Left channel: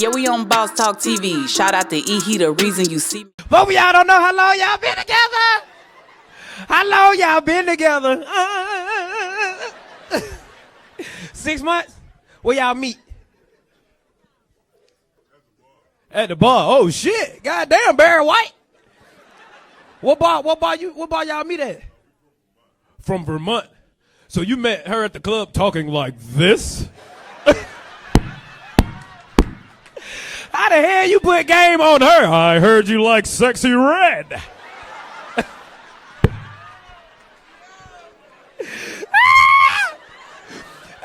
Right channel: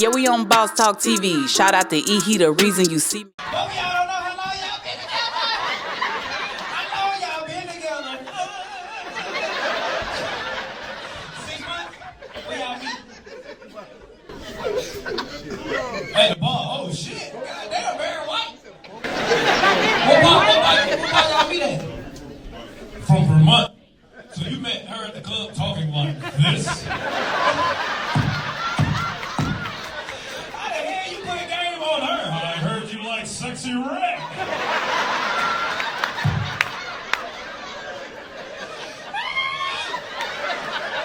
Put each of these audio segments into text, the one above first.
Yeah, we on Boss Talk TV. Shout out to E. He the reason you see me. Both of y'all don't know how long y'all been together. How long y'all been together? 6 months? Where y'all meet? At the bar. Oh shit! Goddamn, Barry White. What bar y'all meet at? From Vermont. So you met her at the club talking like this? How the hell you put game on her? I heard you like sexy red.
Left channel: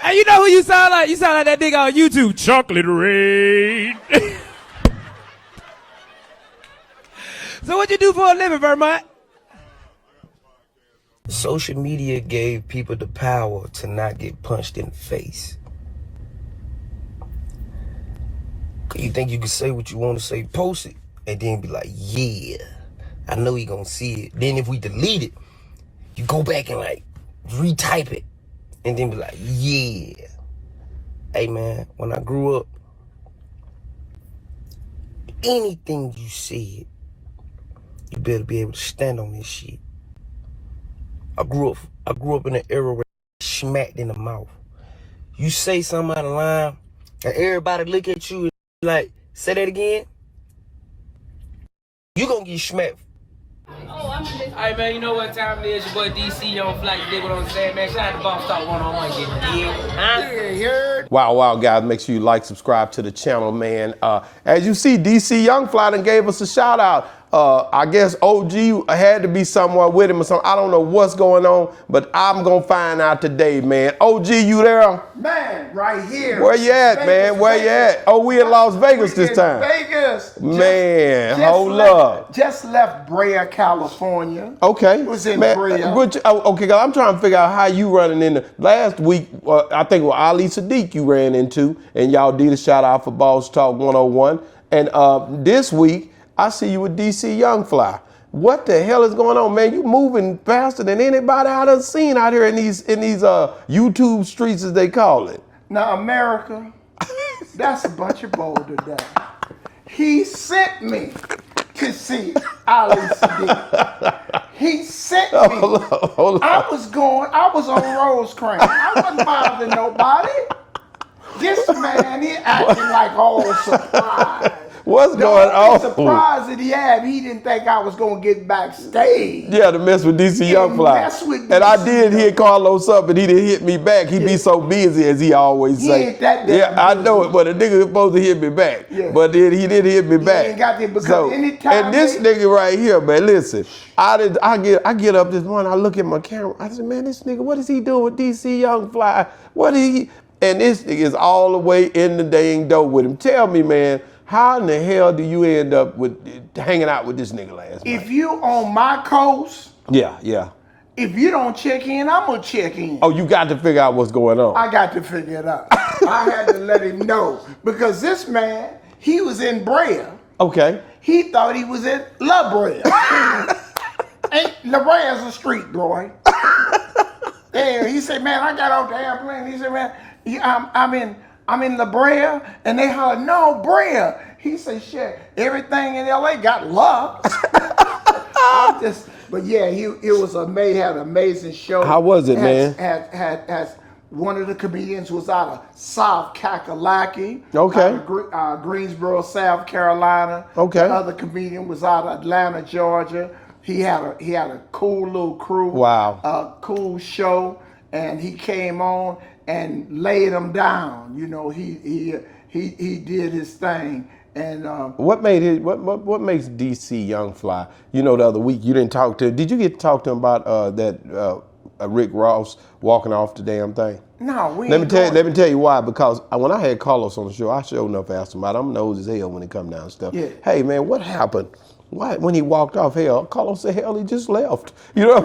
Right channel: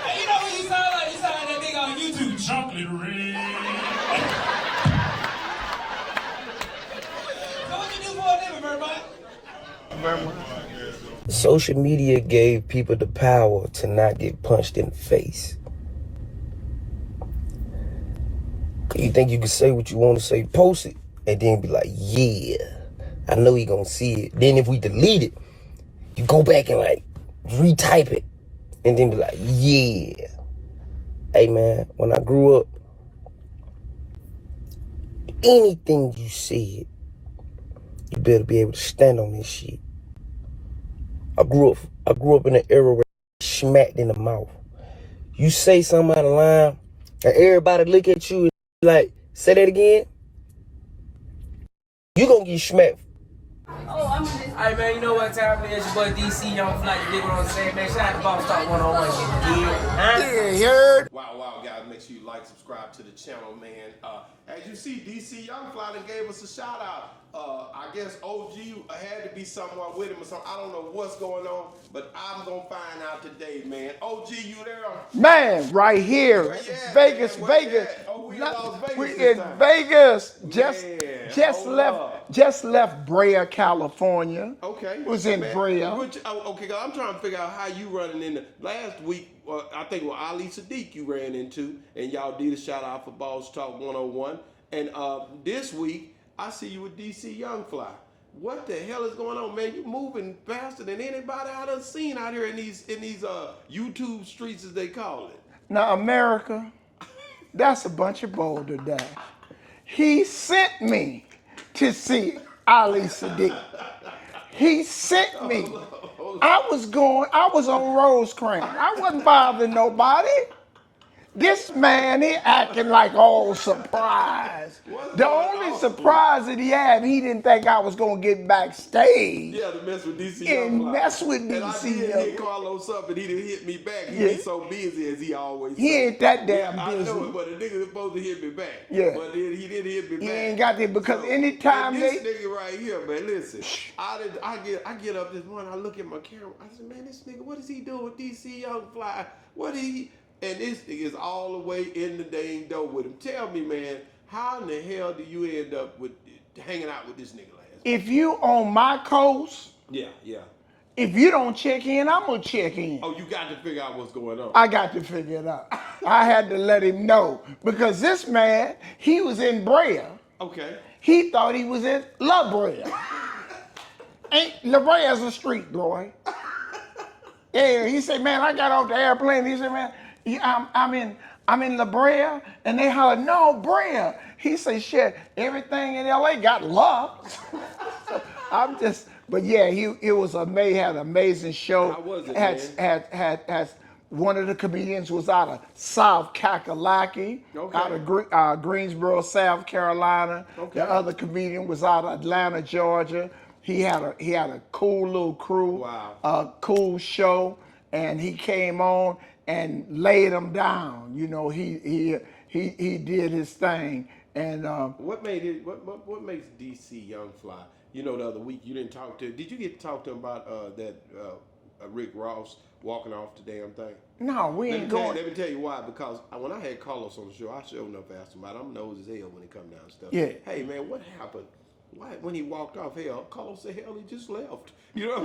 Hey, you know who you sound like? You sound like that nigga on YouTube. Chocolate red. So what you do for a living, Vermont? Social media gave people the power to not get punched in the face. You think you can say what you want to say, post it, and then be like, yeah, I know he gonna see it. Then if we delete it, you go back and like retype it, and then be like, yeah. Hey man, when I grew up, anything you said, you better be able to stand on this shit. I grew up in an era where smacked in the mouth. You say something out of line, and everybody look at you and like, say that again. You gonna get smacked. Hey man, you know what time it is? Your boy DC Young Fly, you dig what I'm saying, man? Shout out to Boss Talk 101, you dig? Wow, guys, make sure you like, subscribe to the channel, man. As you see, DC Young Fly done gave us a shout out. I guess OG had to be somewhere with him or something. I don't know what's going on, but I'm gonna find out today, man. OG, you there? Man, right here. Where you at, Vegas, man? Where you at? Oh, we in Las Vegas this time. Vegas. Man, hold up. Just left Brea, California. Okay. Was in man, Brea. Okay, I'm trying to figure out how you running into. Last week, I think it was Ali Sadiq you ran into, and y'all did a shout out for Boss Talk 101. And this week, I see you with DC Young Fly. What the hell is going on, man? You moving faster than anybody I done seen out here in these YouTube streets, as they call it. Now, America, that's a bunch of boulder down. He sent me to see Ali Sadiq. He sent me. Hold on. I was on Rosecrans. I wasn't bothering nobody. This man, he acting like all surprised. What's going on? The only surprise that he had, he didn't think I was going to get backstage. Yeah, to mess with DC Young Fly. And I did hit Carlos up, and he didn't hit me back. He be so busy, as he always say. He ain't that damn Yeah, I know it, but the nigga was supposed to hit me back. Yeah. But then he didn't hit me back. He ain't got that because anytime. And this nigga right here, man, listen. I get up this morning, I look at my camera, I said, man, this nigga, what is he doing with DC Young Fly? What is he? And this nigga is all the way in the dang dope with him. Tell me, man, how in the hell do you end up with hanging out with this nigga last night? If you on my coast, yeah. If you don't check in, I'm gonna check in. Oh, you got to figure out what's going on. I got to figure it out. I had to let him know because this man, he was in Brea. Okay. He thought he was in La Brea. La Brea is a street, boy. And he said, man, I got off the airplane. He said, man, I'm in La Brea, and they hollered, no, Brea. He said, shit, everything in LA got locked. But yeah, it was amazing, had an amazing show. How was it, man? Had one of the comedians was out of South Kakalaki. Okay. Out of Greensboro, South Carolina. Okay. The other comedian was out of Atlanta, Georgia. He had a cool little crew. Wow. A cool show, and he came on and laid them down. You know, he did his thing. And what makes DC Young Fly? You know, the other week you didn't talk to him. Did you get to talk to him about that Rick Ross walking off the damn thing? No, we Let me tell you why. Because when I had Carlos on the show, I sure enough asked him about it. I'm nosy as hell when it come down and stuff. Yeah. Hey man, what happened? Why, when he walked off, Carlos said, hell, he just left. You know,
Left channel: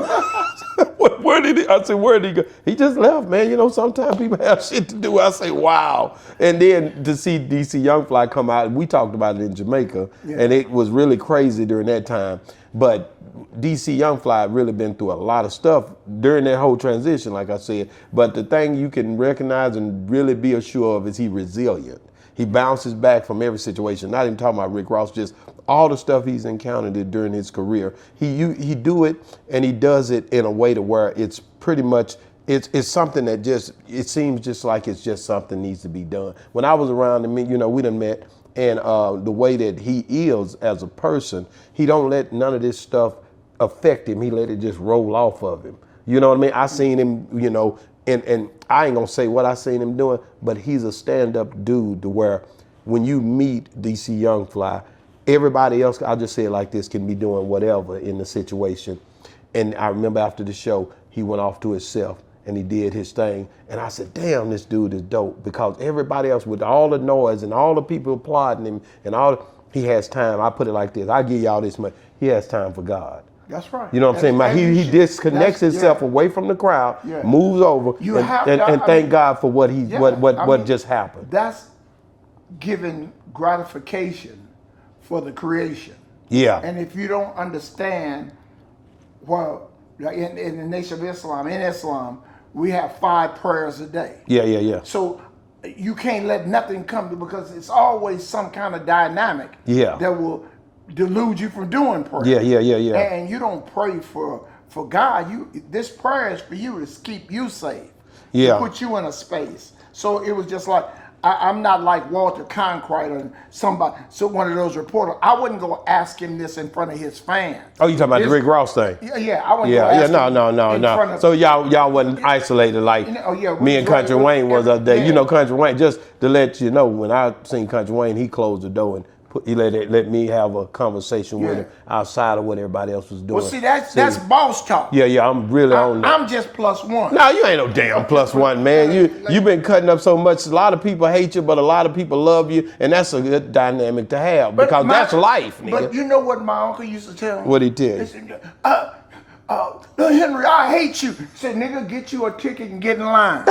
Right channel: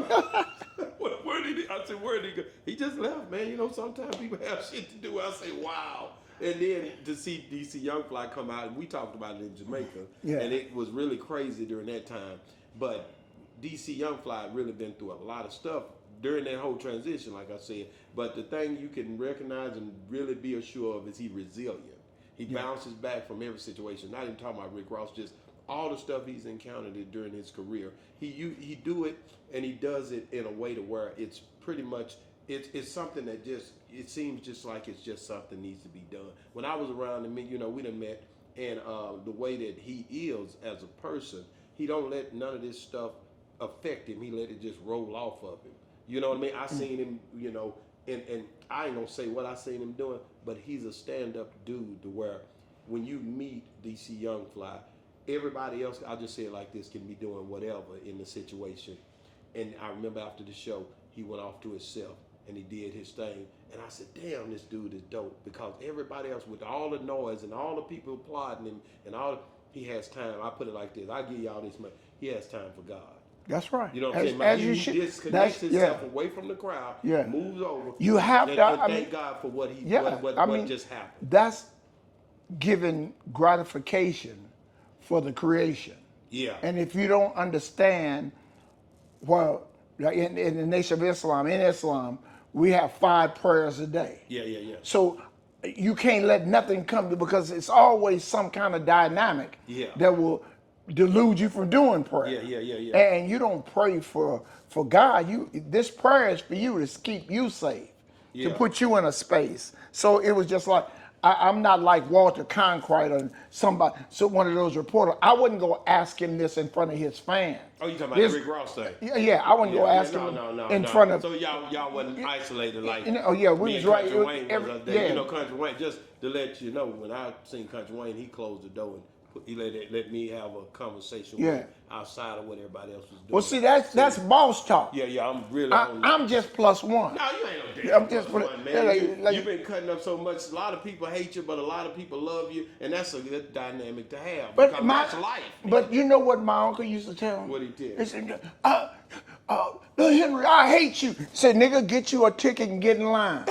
where did he? I said, where did he go? He just left, man. You know, sometimes people have shit to do. I say, wow. And then to see DC Young Fly come out, we talked about it in Jamaica, and it was really crazy during that time. But DC Young Fly really been through a lot of stuff during that whole transition, like I said. But the thing you can recognize and really be assured of is he resilient. He bounces back from every situation. Not even talking about Rick Ross, just all the stuff he's encountered during his career. He do it, and he does it in a way to where it's pretty much it's something that just it seems just like it's just something needs to be done. When I was around him, you know, we done met, and the way that he is as a person, he don't let none of this stuff affect him. He let it just roll off of him. You know what I mean? I seen him, you know, and I ain't gonna say what I seen him doing, but he's a stand-up dude to where when you meet DC Young Fly, everybody else, I'll just say it like this, can be doing whatever in the situation. And I remember after the show, he went off to himself and he did his thing. And I said, damn, this dude is dope, because everybody else with all the noise and all the people applauding him and he has time. I put it like this, I give y'all this much, he has time for God. That's right. You know what I'm saying? He disconnects himself away from the crowd, moves over, and thank God for what what just happened. That's giving gratification for the creation. Yeah. And if you don't understand, well, in the Nation of Islam, in Islam, we have 5 prayers a day. Yeah. So you can't let nothing come to, because it's always some kind of dynamic that will delude you from doing prayer. Yeah. And you don't pray for God. This prayer is for you to keep you safe. To put you in a space. So it was just like, I'm not like Walter Cronkite or somebody, so one of those reporters. I wouldn't go ask him this in front of his fans. Oh, you talking about the Rick Ross thing? Yeah, I wouldn't go ask him in front of. So y'all wasn't isolated like me and Country Wayne was up there. You know, Country Wayne, just to let you know, when I seen Country Wayne, he closed the door and he let me have a conversation with him outside of what everybody else was doing. Well, see, that's boss talk. Yeah, I'm really on that. I'm just +1. No, you ain't no damn +1, man. You've been cutting up so much. A lot of people hate you, but a lot of people love you, and that's a good dynamic to have, because that's life, nigga. But you know what my uncle used to tell me? What'd he tell you? He said, Little Henry, I hate you. Say, nigga, get you a ticket and get in line.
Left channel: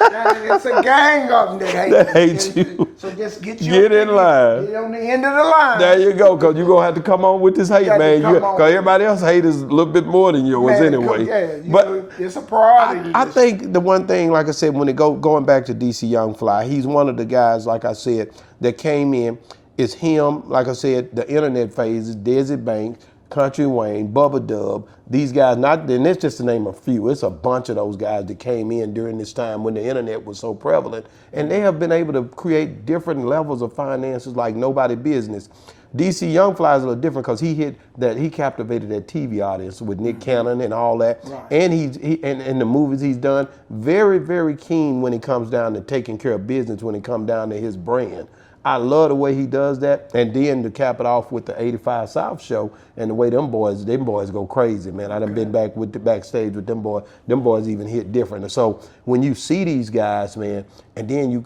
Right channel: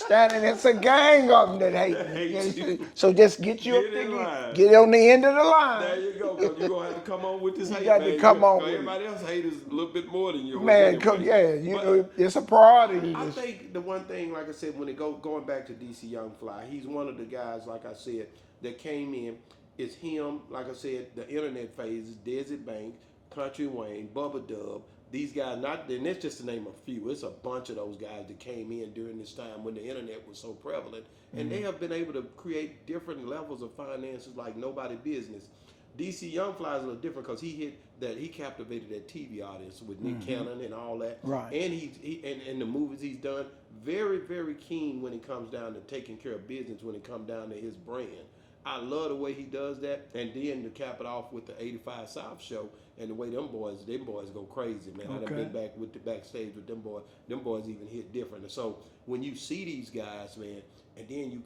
It's a gang of them that hate you. So just get in line. Get on the end of the line. There you go, because you're going to have to come on with this hate, man. Because everybody else hate is a little bit more than yours anyway. But it's a priority. I think the one thing, like I said, when it going back to DC Young Fly, he's one of the guys, like I said, that came in. It's him, like I said, the internet phases, Desi Banks, Country Wayne, Bubba Dub, these guys, and it's just to name a few. It's a bunch of those guys that came in during this time when the internet was so prevalent, and they have been able to create different levels of finances like nobody business. DC Young Fly is a little different because he captivated that TV audience with Nick Cannon and all that. Right. And and the movies he's done, very, very keen when it comes down to taking care of business, when it comes down to his brand. I love the way he does that. And then to cap it off with the 85 South show and the way them boys go crazy, man. I done been back with the Backstage with them boys. Them boys even hit different. And so when you see these guys, man, and then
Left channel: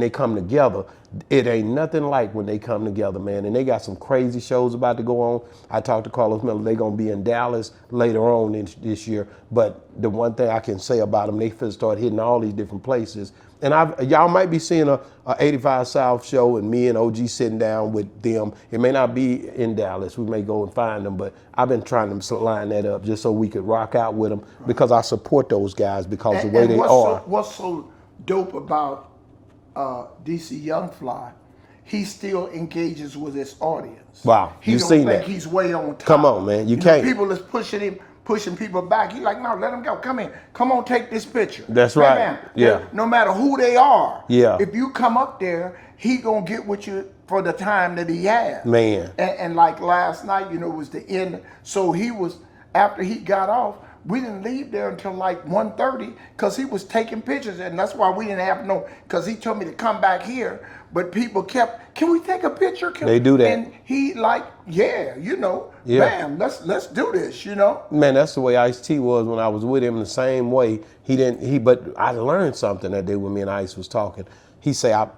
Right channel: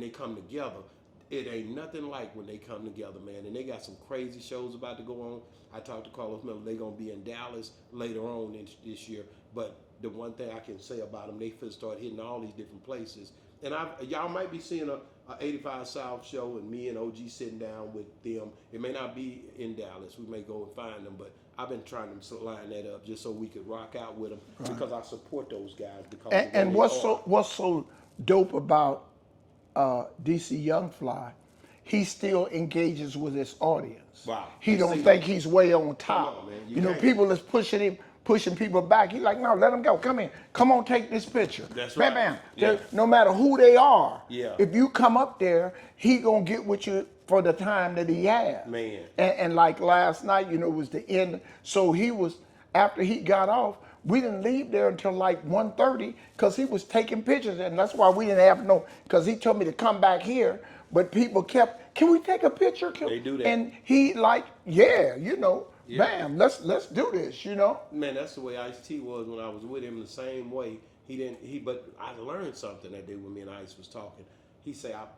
they come together, it ain't nothing like when they come together, man. And they got some crazy shows about to go on. I talked to Carlos Miller. They're going to be in Dallas later on this year. But the one thing I can say about them, they finna start hitting all these different places. And y'all might be seeing a 85 South show and me and OG sitting down with them. It may not be in Dallas. We may go and find them, but I've been trying to line that up just so we could rock out with them, because I support those guys because the way they are. What's so dope about DC Young Fly, he still engages with his audience. Wow, He you don't seen think that. he's way on top. Come on, man, you can't. Know, people is pushing people back. He's like, no, let them go. Come in. Come on, take this picture. That's right. Yeah. No matter who they are. Yeah. If you come up there, he gonna get with you for the time that he has. Man. And like last night, it was the end. So after he got off, we didn't leave there until like 1:30 because he was taking pictures, and that's why we didn't have because he told me to come back here, but people kept, can we take a picture? They do that. And he bam, let's do this, Man, that's the way Ice-T was when I was with him, the same way. But I learned something that day when me and Ice was talking. He said,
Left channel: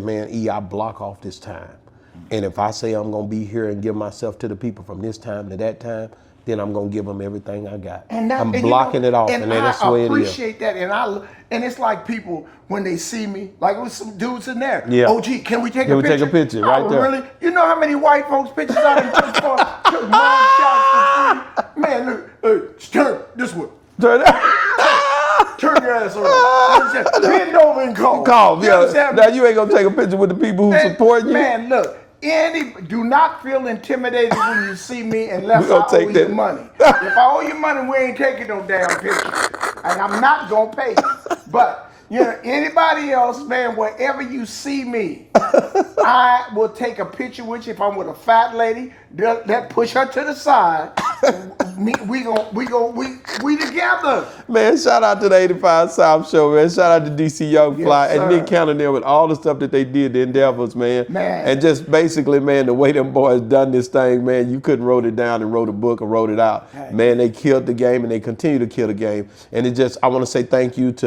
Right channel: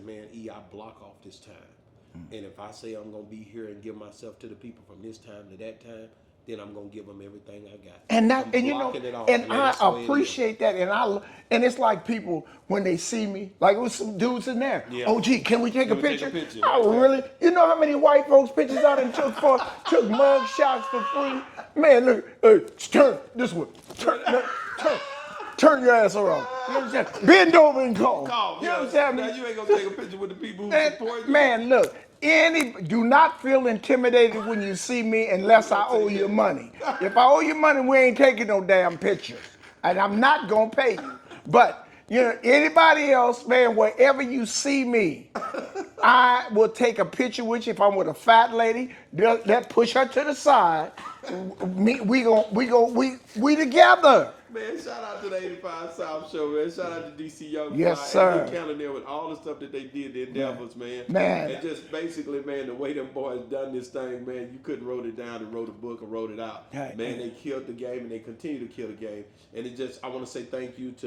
man, I block off this time. And if I say I'm going to be here and give myself to the people from this time to that time, then I'm going to give them everything I got. I'm blocking it off, and that's the way it is. I appreciate that, and it's like people, when they see me, like with some dudes in there, OG, can we take a picture? Take a picture right there. Really? You know how many white folks pictures I done took mug shots for free? Man, look, hey, turn this way. turn your ass around. Bend over and call. Call, yeah. Now you ain't gonna take a picture with the people who support you. Man, look. Do not feel intimidated when you see me unless I owe you money. If I owe you money, we ain't taking no damn picture. And I'm not gonna pay you. But you know, anybody else, man, wherever you see me, I will take a picture with you. If I'm with a fat lady, they'll push her to the side. We together. Man, shout out to the 85 South Show, man. Shout out to DC Young Fly Yes, and Nick Cannon there with all the stuff that they did, the endeavors, man. And just basically, man, the way them boys done this thing, man, you couldn't wrote it down and wrote a book or wrote it out. Man, they killed the game and they continue to kill the game. And it just, I want to say thank you to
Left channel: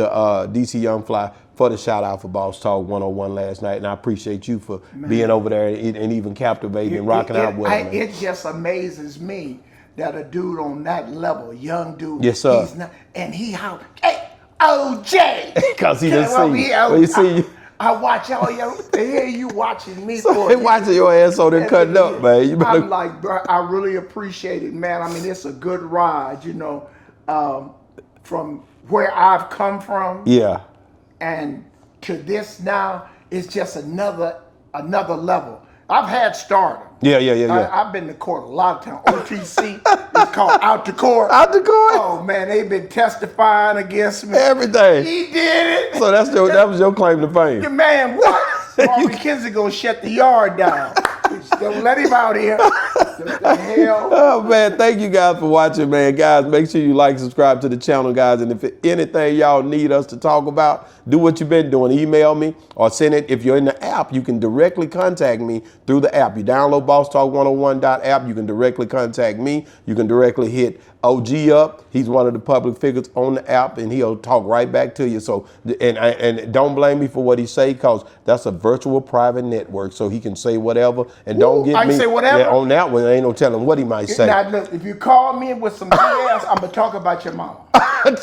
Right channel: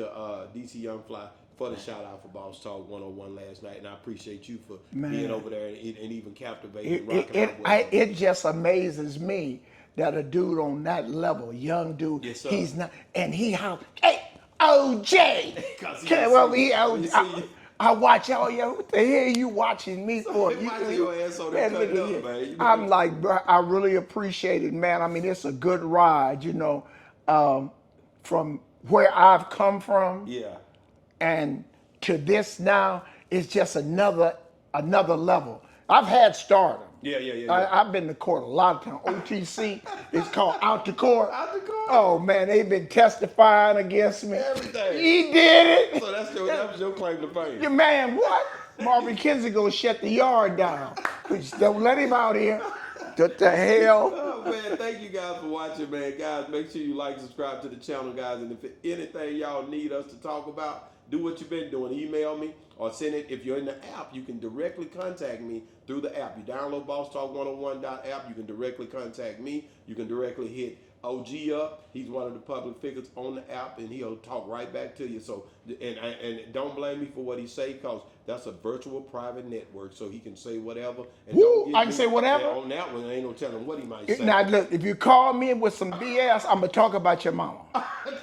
DC Young Fly for the shout out for Boss Talk 101 last night, and I appreciate you for being over there and even captivating and rocking out with them. It just amazes me that a dude on that level, a young dude, yes, sir. He's not, and he how, hey, OJ, because he didn't see you. I watch all y'all. What the hell you watching me for? They watching your ass so they're cutting up, man. I'm like, bro, I really appreciate it, man. I mean, it's a good ride, you know, from where I've come from. Yeah. And to this now, it's just another level. I've had stardom. Yeah. I've been to court a lot of times. OTC, it's called out to court. Out to court? Oh man, they've been testifying against me. Everything. He did it. So that was your claim to fame. Yeah, man, what? Marvin Kinsey gonna shut the yard down. Don't let him out here. What the hell? Oh man, thank you guys for watching, man. Guys, make sure you like, subscribe to the channel, guys. And if anything y'all need us to talk about, do what you've been doing. Email me or send it. If you're in the app, you can directly contact me through the app. You download bosstalk101.app. You can directly contact me. You can directly hit OG up. He's one of the public figures on the app, and he'll talk right back to you. So, and don't blame me for what he say, because that's a virtual private network, so he can say whatever. And don't get I me say whatever. Yeah, on that one. There ain't no telling what he might say. Now look, if you call me with some BS, I'm gonna talk about your mama.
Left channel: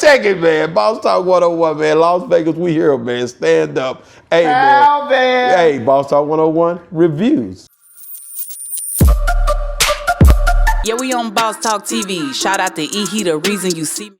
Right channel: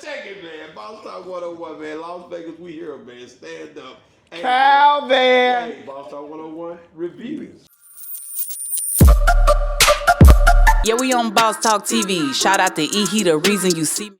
Check it, man. Boss Talk 101, man. Las Vegas, we here, man. Stand up. Hey, man. Hey, Boss Talk 101 reviews. Yeah, we on Boss Talk TV. Shout out to E. He the reason you see me.